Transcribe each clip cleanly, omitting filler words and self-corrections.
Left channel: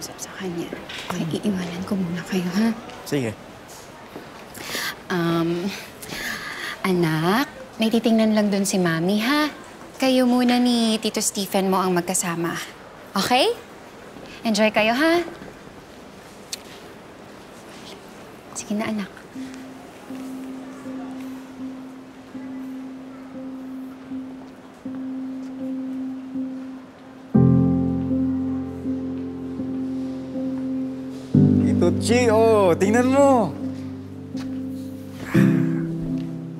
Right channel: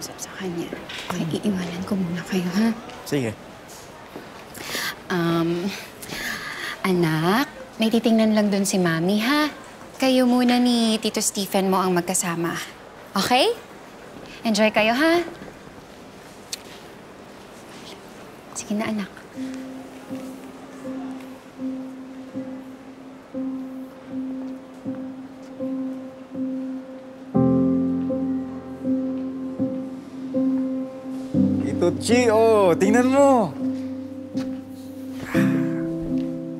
makausap sa kanya. Okay, iiwanan ko muna kayo, ha? Sige. Anak, may titingnan lang dun si Mami, ha? Kayo muna ni Tito Stephen mo ang magkasama. Okay? Enjoy kayo, ha? Sige na, anak. Chi, oh, tingnan mo.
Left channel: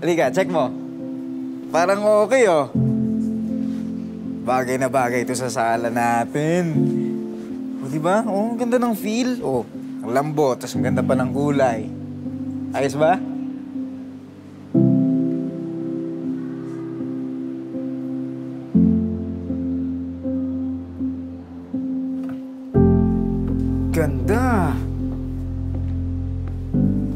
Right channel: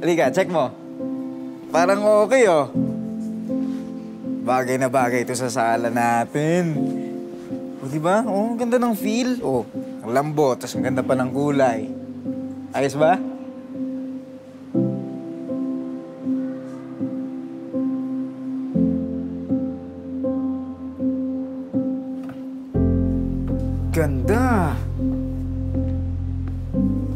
Halika, check mo. Parang okay, oh. Bagay na bagay ito sa sala natin. O, diba? Oh, ang ganda ng feel. Oh, ang lambot, tas ang ganda pa ng kulay. Ayos ba? Ganda.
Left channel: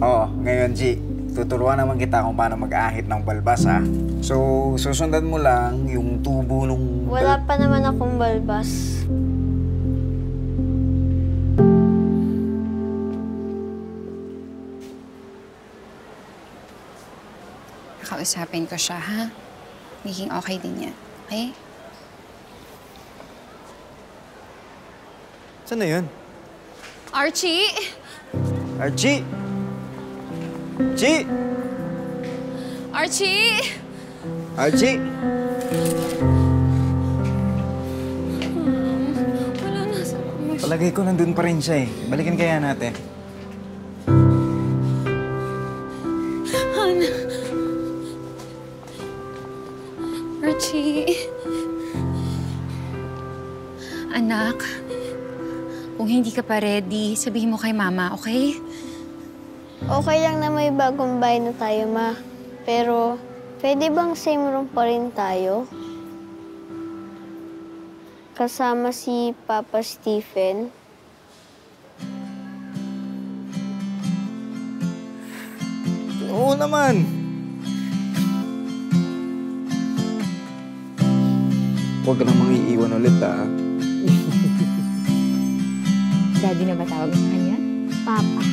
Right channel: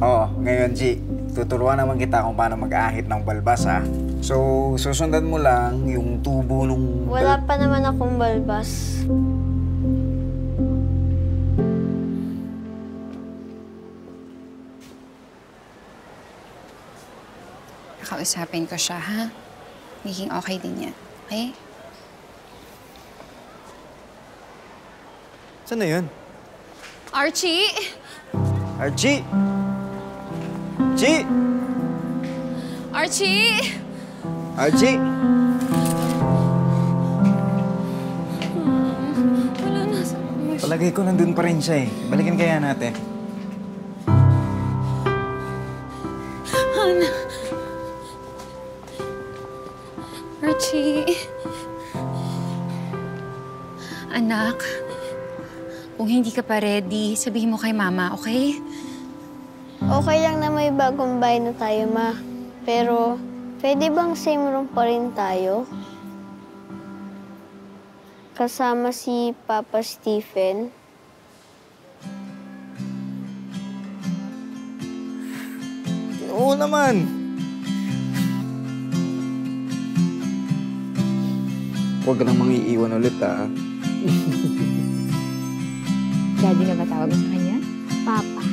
Oh, ngayon, G, tuturuan naman kita kung paano mag-ahit ng balbas, ha? So, susundan mo lang yung tubo nung... Wala pa naman akong balbas. Nakausapin ko siya, ha? Magiging okay din yan, okay? Saan na yun? Archie! Archie! Chi! Archie! Archie! Wala na sa... Palagay ko nandun pa rin siya, eh. Balikan kaya natin. Hana. Archie. Anak, kung hindi ka pa ready, sabihin mo kay Mama, okay? Okay lang na may bagong bahay na tayo, Ma. Pero, pwede bang same room pa rin tayo? Kasama si Papa Stephen. Oo naman! Huwag ka nang mangiiwan ulit, ha? Daddy na ba tawag mo sa kanya? Papa.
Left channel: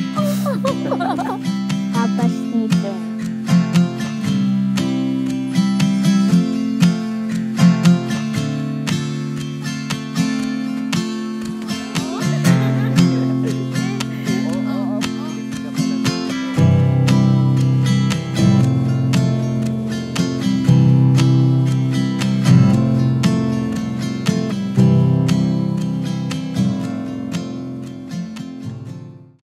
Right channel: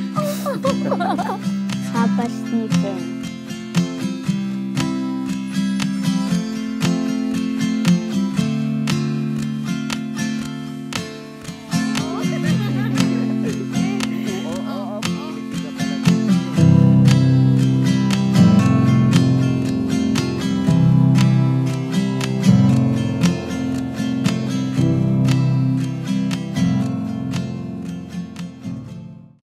Papa Stephen.